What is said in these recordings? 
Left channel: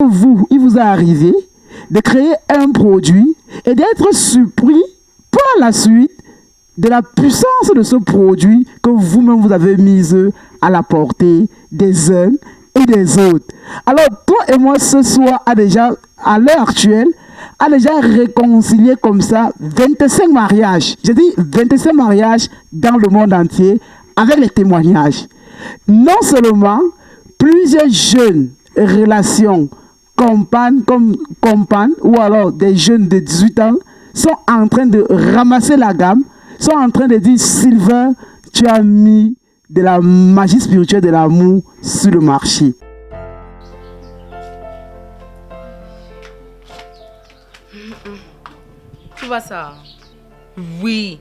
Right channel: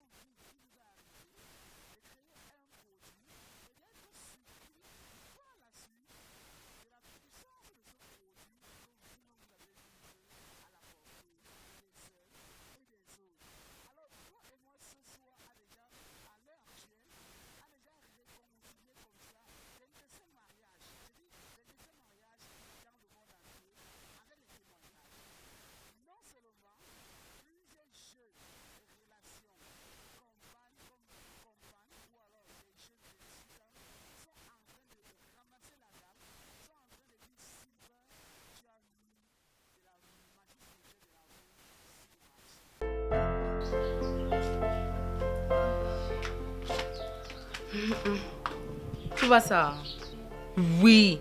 Vous, il vous est arrivé de créer un produit et d'être surpris par la suite de la puissance de ce produit que vous-même vous avez mis à la portée des uns et des autres. Alors, toi et moi, ce soir, à l'heure actuelle, a déjà réconcilié comme ça 25 mariages. J'ai dit 25 mariages dans le monde entier avec les témoignages. Non seulement plusieurs jeunes relations compagnes ou alors des jeunes de 18 ans sont en train de ramasser la gamme, sont en train de dire Sylvain, tu as mis de la magie spirituelle de l'amour sur le marché. Tu vois ça? Oui.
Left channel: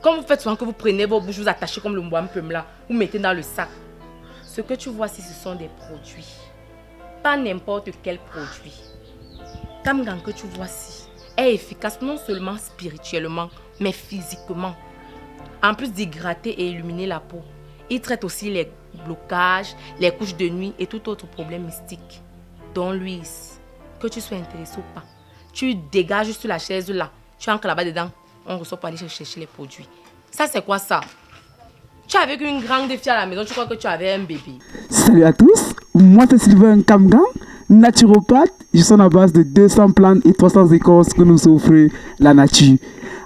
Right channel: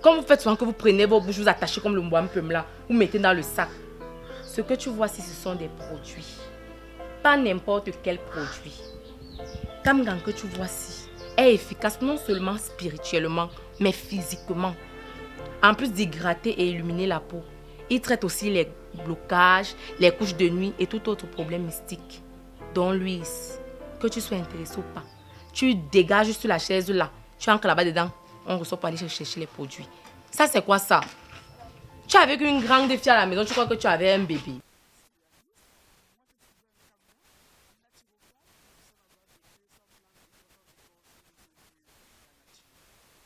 Comme vous faites souvent que vous prenez vos bouches, vous attachez comme le wampum là, vous mettez dans le sac. Ce que tu vois ici, ce sont des produits. Pas n'importe quel produit. Kamgang que tu vois ici est efficace non seulement spirituellement, mais physiquement. En plus d'hydrater et illuminer la peau, il traite aussi les blocages, les couches de nuit et tout autre problème mystique. Donc Louise, que tu sois intéressé ou pas, tu dégages sur la chaise là, tu entres là-bas dedans, on ressort pour aller chercher les produits. Ça c'est quoi ça? Tu es avec une grande fille à la maison, tu crois que tu avais un bébé. Salut à tous, moi c'est Sylvain Kamgang, naturopathe. Je suis à base de 200 plantes et 300 écorces que nous offre la nature.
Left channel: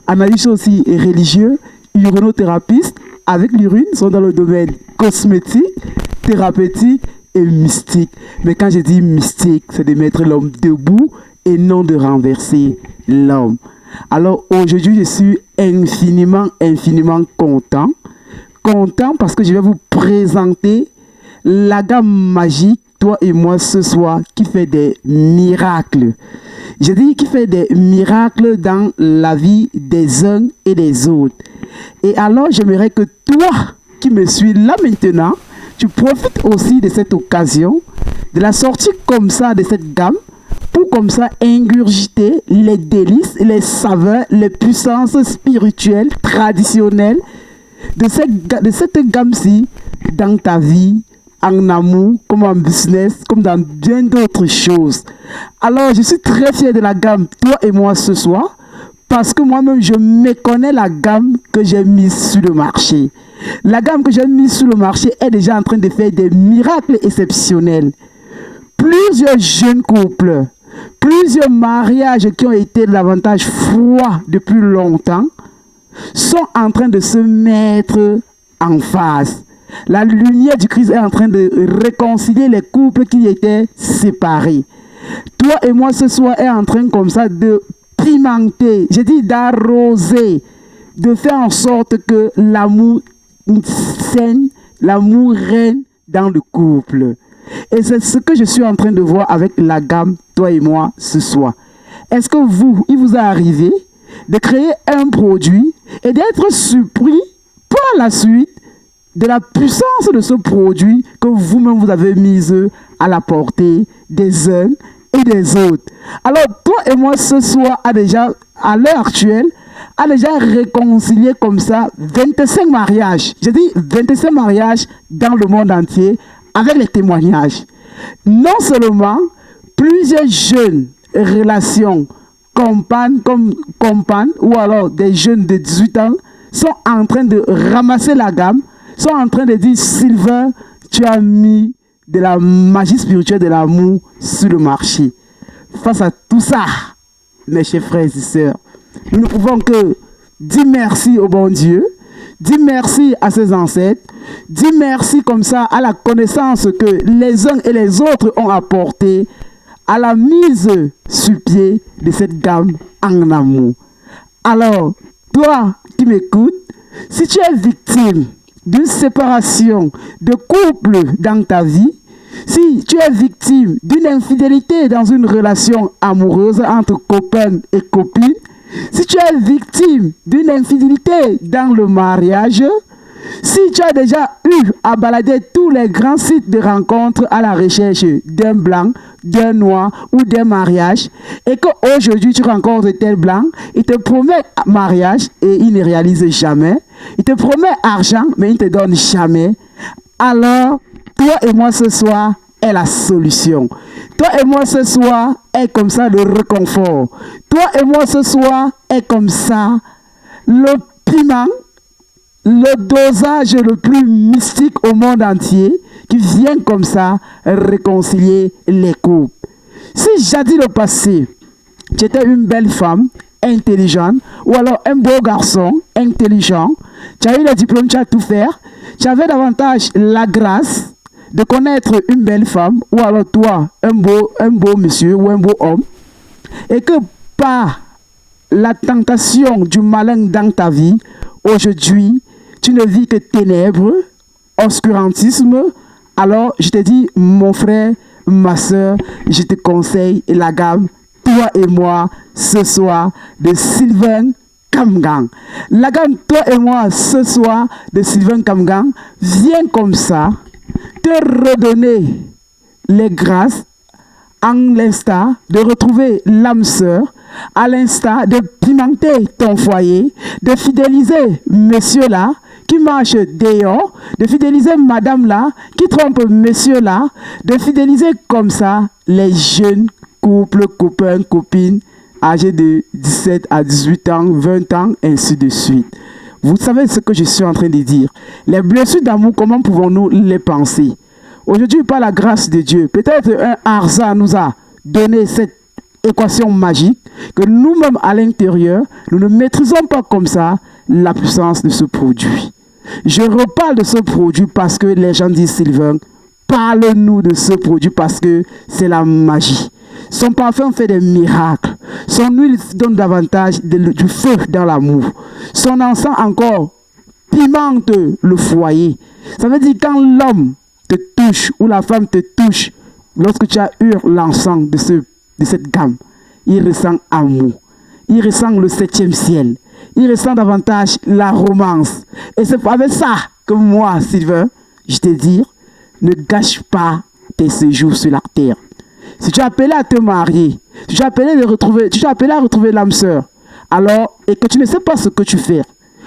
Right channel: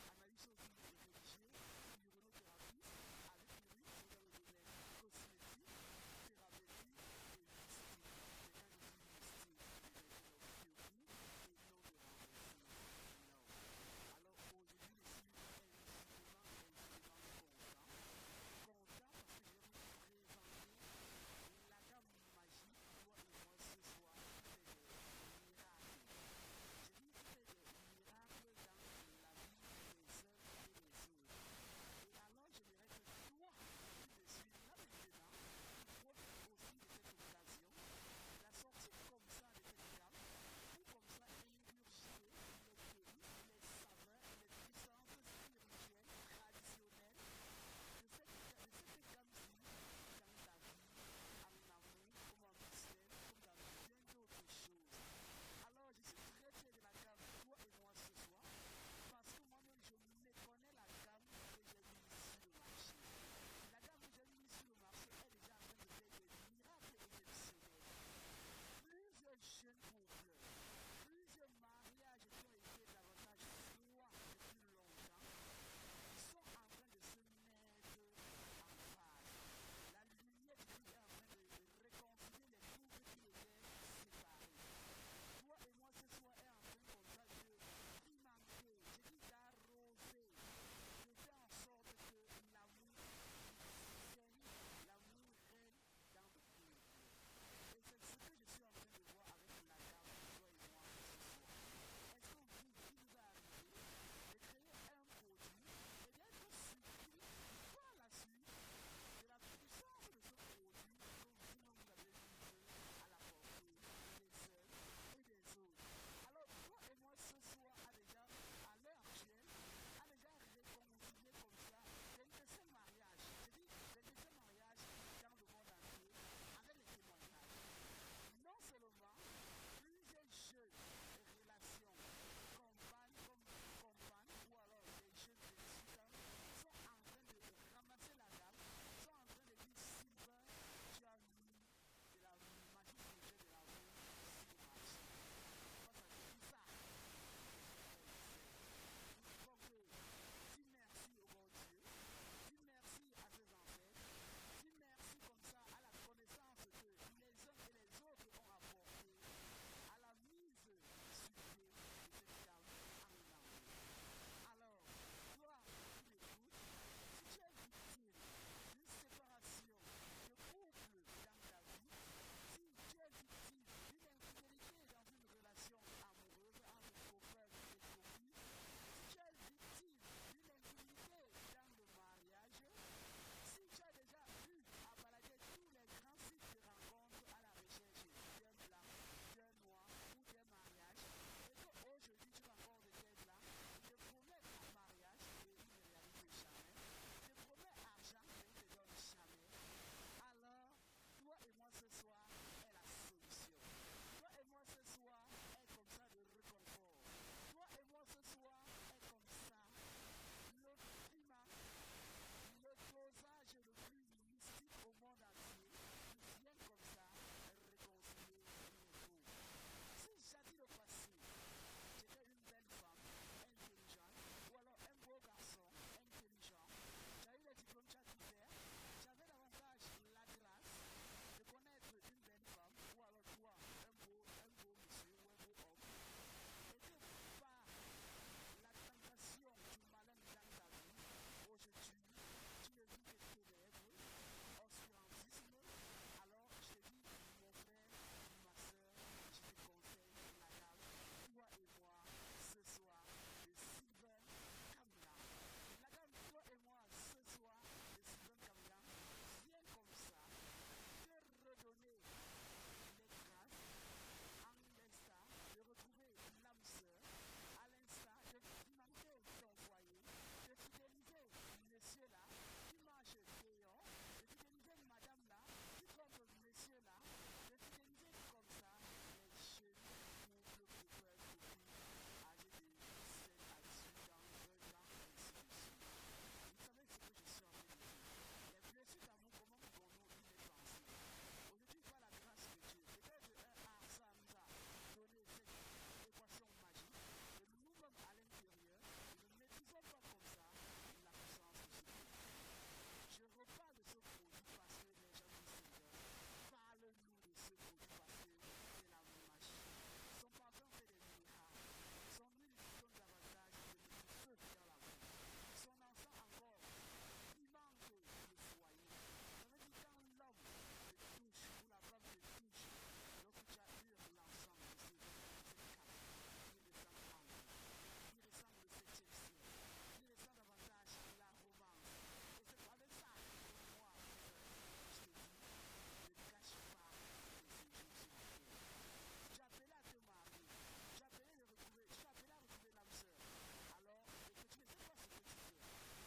Analyste aussi religieux, urinothérapeute, avec l'urine, sont dans le domaine cosmétique, thérapeutique et mystique. Mais quand je dis mystique, c'est de mettre l'homme debout et non de renverser l'homme. Alors aujourd'hui, je suis infiniment content parce que je vais vous présenter la gamme magique, toi et moi ce soir, qui fait des miracles. Je dis qui fait des miracles dans la vie des uns et des autres. Et alors, j'aimerais que toi qui me suis là maintenant, tu profites aussi de cette occasion, de la sortie comme ça de cette gamme, pour comme ça ingurgiter les délices, les saveurs, les puissances spirituelles, traditionnelles de cette gamme-ci dans ta vie, en amour, comme en business, comme dans bien d'autres choses. Alors, je suis très fier de la gamme, toi et moi ce soir, parce que moi-même, je méconnais la gamme que j'ai mise sur le marché. La gamme que j'ai mise sur le marché est déjà en train de faire des miracles exceptionnels. Plusieurs jeunes couples, plusieurs mariages qui ont été davantage froids depuis longtemps, sont en train de se mettre en face. La lumière du Christ est en train de réconcilier les couples qui étaient séparés. Toi et moi ce soir est en train comme ça de pimenter, j'ai dit d'arroser, de faire en sorte que l'amour saigne, l'amour règne dans le couple. Et c'est ce que je suis en train de voir avec la gamme, toi et moi, ce soir. Est-ce que vous, il vous est arrivé de créer un produit et d'être surpris par la suite de la puissance de ce produit que vous-même vous avez mis à la portée des uns et des autres? Alors, toi et moi, ce soir, à l'heure actuelle, a déjà réconcilié comme ça 25 mariages. J'ai dit 25 mariages dans le monde entier avec les témoignages. Non seulement plusieurs jeunes relations compagnes ou alors des jeunes de 18 ans sont en train de ramasser la gamme, sont en train de dire Sylvain, tu as mis de la magie spirituelle de l'amour sur le marché. Face à tout ça, mes chers frères et sœurs, nous ne pouvons que dire merci au bon Dieu, dire merci à ses ancêtres, dire merci comme ça à la connaissance que les uns et les autres ont apportée à la mise sur pied de cette gamme en amour. Alors, toi qui m'écoutes, si tu es victime d'une séparation de couple dans ta vie, si tu es victime d'une infidélité dans une relation amoureuse entre copains et copines, si tu es victime d'une infidélité dans le mariage, si tu as déjà eu à balader tous les grands sites de rencontres à la recherche d'un blanc, d'un noir ou d'un mariage, et qu'aujourd'hui tu rencontres tel blanc, il te promet mariage et il ne réalise jamais, il te promet argent mais il ne te donne jamais, alors toi et moi ce soir est la solution. Toi et moi ce soir est comme ça le réconfort. Toi et moi ce soir est comme ça le piment, le dosage le plus mystique au monde entier qui vient comme ça réconcilier les couples. Si jadis le passé, tu étais une belle femme intelligente ou alors un beau garçon intelligent, tu as eu le diplôme, tu as tout faire, tu avais davantage la grâce de connaître une belle femme ou alors toi, un beau monsieur ou un beau homme, et que par la tentation du malin dans ta vie, aujourd'hui, tu ne vis que ténèbres, obscurantisme, alors je te dis, mon frère, ma soeur, je te conseille la gamme, toi et moi, ce soir, de Sylvain Kamgang. La gamme, toi et moi, ce soir, de Sylvain Kamgang, vient comme ça, te redonner les grâces, en l'instant de retrouver l'âme sœur, à l'instant de pimenter ton foyer, de fidéliser monsieur là, qui marche dehors, de fidéliser madame là, qui trompe monsieur là, de fidéliser comme ça les jeunes couples, copains, copines, âgés de 17 à 18 ans, 20 ans, ainsi de suite. Vous savez ce que je suis en train de dire. Les blessures d'amour, comment pouvons-nous les penser? Aujourd'hui, par la grâce de Dieu, peut-être un hasard nous a donné cette équation magique que nous-mêmes à l'intérieur, nous ne maîtrisons pas comme ça la puissance de ce produit. Je reparle de ce produit parce que les gens disent, Sylvain, parle-nous de ce produit parce que c'est la magie. Son parfum fait des miracles. Son huile donne davantage du feu dans l'amour. Son encens encore pimente le foyer. Ça veut dire quand l'homme te touche ou la femme te touche, lorsque tu as eu l'encens de cette gamme, il ressent amour. Il ressent le 7e ciel. Il ressent davantage la romance. Et c'est avec ça que moi, Sylvain, je te dis, ne gâche pas tes séjours sur la terre. Si tu es appelé à te marier, si tu es appelé à retrouver l'âme sœur, alors, et que tu ne sais pas ce que tu fais,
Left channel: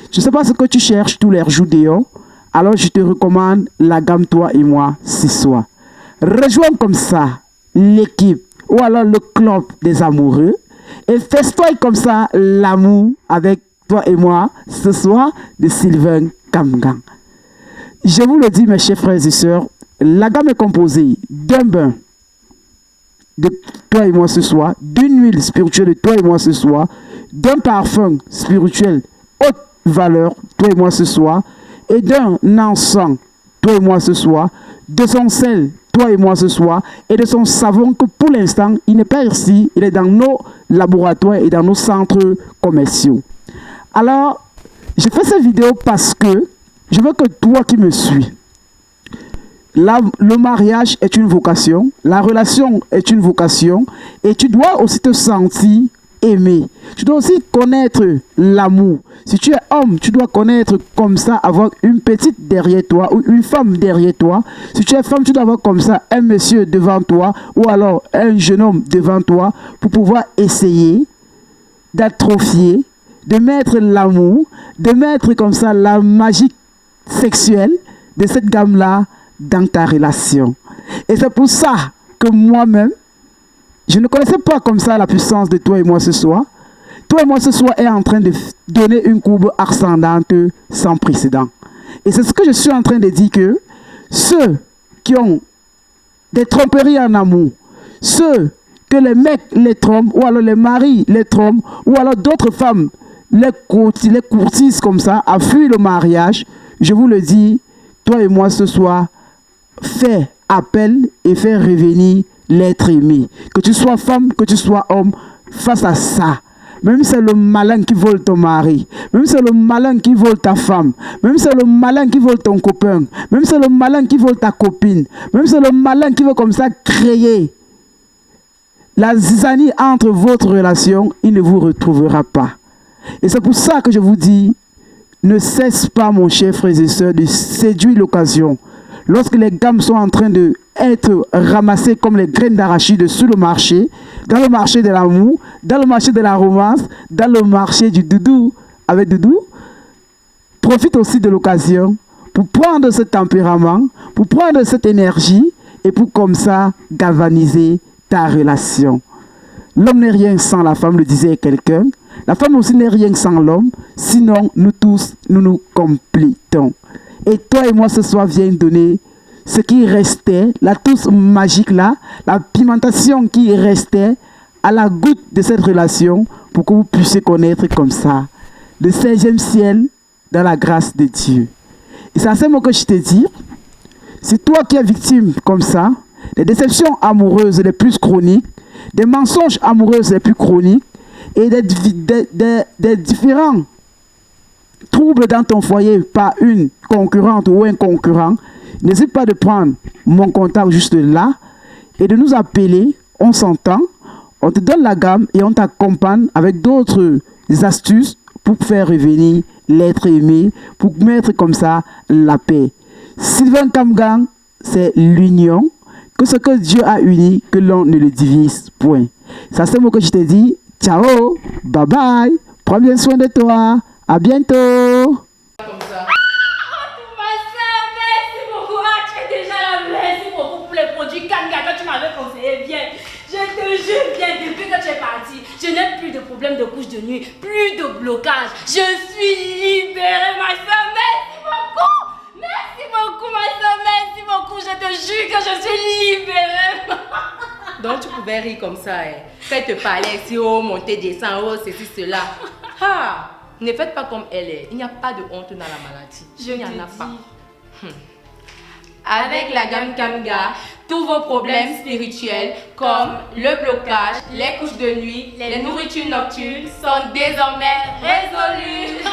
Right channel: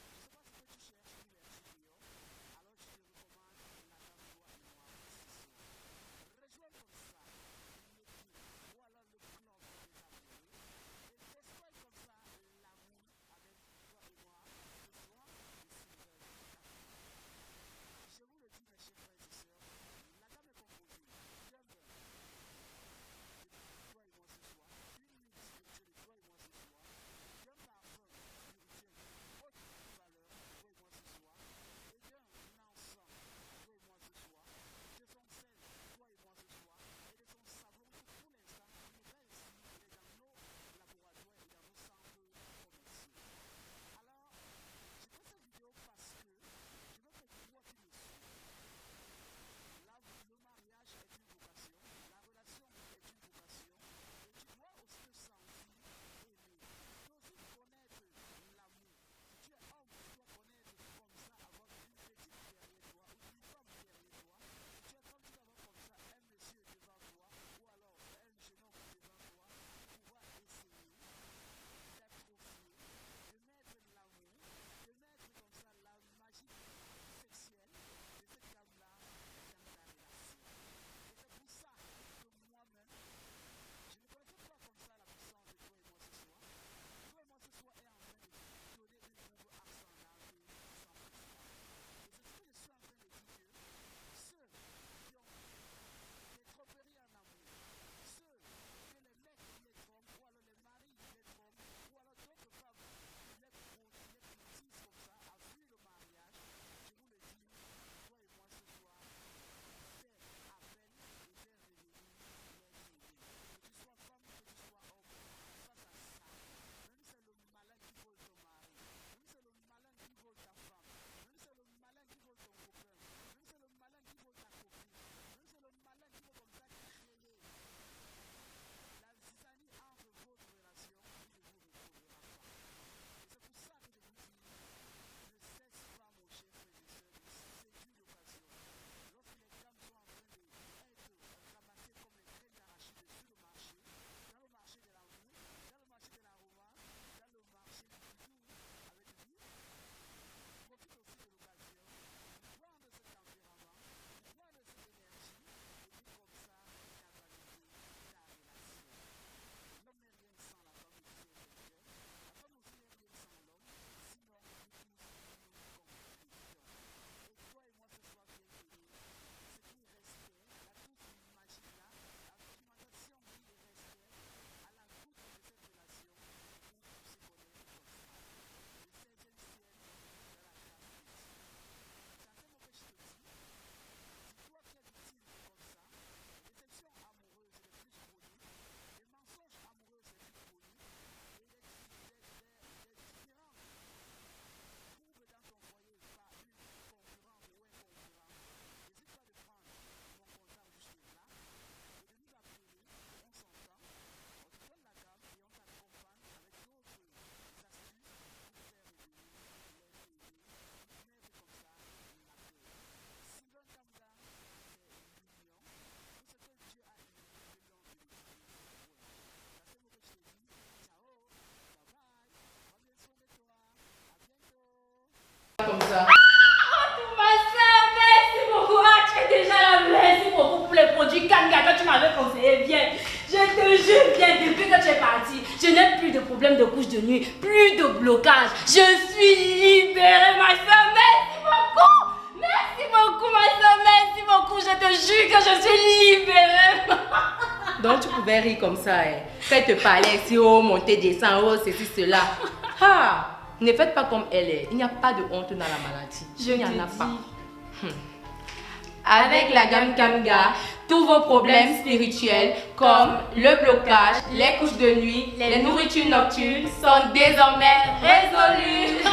tu ne sais pas ce que tu cherches tous les jours dehors, alors je te recommande la gamme toi et moi ce soir. Rejoins comme ça l'équipe ou alors le club des amoureux et festoie comme ça l'amour avec toi et moi ce soir de Sylvain Kamgang. Je vous le dis mes chers frères et sœurs, la gamme est composée d'un bain de toi et moi ce soir, d'une huile spirituelle de toi et moi ce soir, d'un parfum spirituel haute valeur, toi et moi ce soir, et d'un encens, toi et moi ce soir, de son sel, toi et moi ce soir, et de son savon que pour l'instant, il n'est pas ici, il est dans nos laboratoires et dans nos centres commerciaux. Alors, je fais cette vidéo parce que je veux que toi qui me suis, le mariage est une vocation, la relation est une vocation, et tu dois aussi te sentir aimé. Tu dois aussi connaître l'amour. Si tu es homme, tu dois connaître comme ça, avoir une petite derrière toi ou une femme derrière toi. Si tu es femme, tu dois avoir comme ça un monsieur devant toi ou alors un jeune homme devant toi pour pouvoir essayer d'atrophier, de mettre l'amour, de mettre comme ça la magie sexuelle de cette gamme-là dans ta relation. Et c'est pour ça que moi-même, je ne connaissais pas comme ça la puissance de toi et moi ce soir. Toi et moi ce soir est en train de donner une courbe ascendante sans précédent. Et c'est ce que je suis en train de dire que ceux qui ont des tromperies en amour, ceux que les mecs les trompent, ou alors les maris les trompent, ou alors d'autres femmes les courtisent comme ça, à fuir le mariage, je vous le dis, toi et moi ce soir, fais appel et fais revenir l'être aimé. Que tu sois femme, que tu sois homme, face à ça. Même si c'est le malin qui vole ton mari, même si c'est le malin qui vole ta femme, même si c'est le malin qui vole ton copain, même si c'est le malin qui vole ta copine, même si c'est le malin qui veut comme ça créer la zizanie entre votre relation, il ne vous retrouvera pas. Et c'est pour ça que je vous dis, ne cesse pas, mon cher frères et sœurs, de séduire l'occasion. Lorsque les gammes sont en train d'être ramassées comme les graines d'arachide sur le marché, dans le marché de l'amour, dans le marché de la romance, dans le marché du doudou avec doudou, profite aussi de l'occasion pour prendre ce tempérament, pour prendre cette énergie et pour comme ça galvaniser ta relation. L'homme n'est rien sans la femme, le disait quelqu'un. La femme aussi n'est rien sans l'homme. Sinon, nous tous, nous nous complétons. Et toi et moi, ce soir, viens donner ce qui restait, la touche magique là, la pimentation qui restait à la goutte de cette relation pour que vous puissiez connaître comme ça le 16e ciel dans la grâce de Dieu. Et c'est à ce moment que je te dis, c'est toi qui es victime comme ça, des déceptions amoureuses les plus chroniques, des mensonges amoureux les plus chroniques et des différents troubles dans ton foyer par une concurrente ou un concurrent, n'hésite pas de prendre mon contact juste là et de nous appeler, on s'entend, on te donne la gamme et on t'accompagne avec d'autres astuces pour faire revenir l'être aimé, pour mettre comme ça la paix. Sylvain Kamgang, c'est l'union, que ce que Dieu a uni, que l'on ne le divise point. C'est ce mot que je te dis. Ciao, bye bye, prends bien soin de toi, à bientôt. Comme ça. Ma soeur, merci beaucoup. Ah, tu es déjà là. Merci beaucoup pour les produits Kanga que tu m'avais conseillé. Bien, je te jure, bien, depuis que tu es parti, je n'ai plus de problème de couche de nuit, plus de blocage. Je suis libérée, ma soeur. Merci beaucoup. Merci beaucoup, ma soeur. Merci beaucoup. Je te jure que je suis libérée. Donc tu pouvais rire comme ça, hein. Quand elle te parlait si oh, monter, descendre, oh, ceci, cela. Ah, ne faites pas comme elle est. Il n'y a pas de honte dans la maladie. Il n'y en a pas. Avec la gamme Kamga, tous vos problèmes spirituels comme le blocage, les couches de nuit, les nourritures nocturnes sont désormais résolus.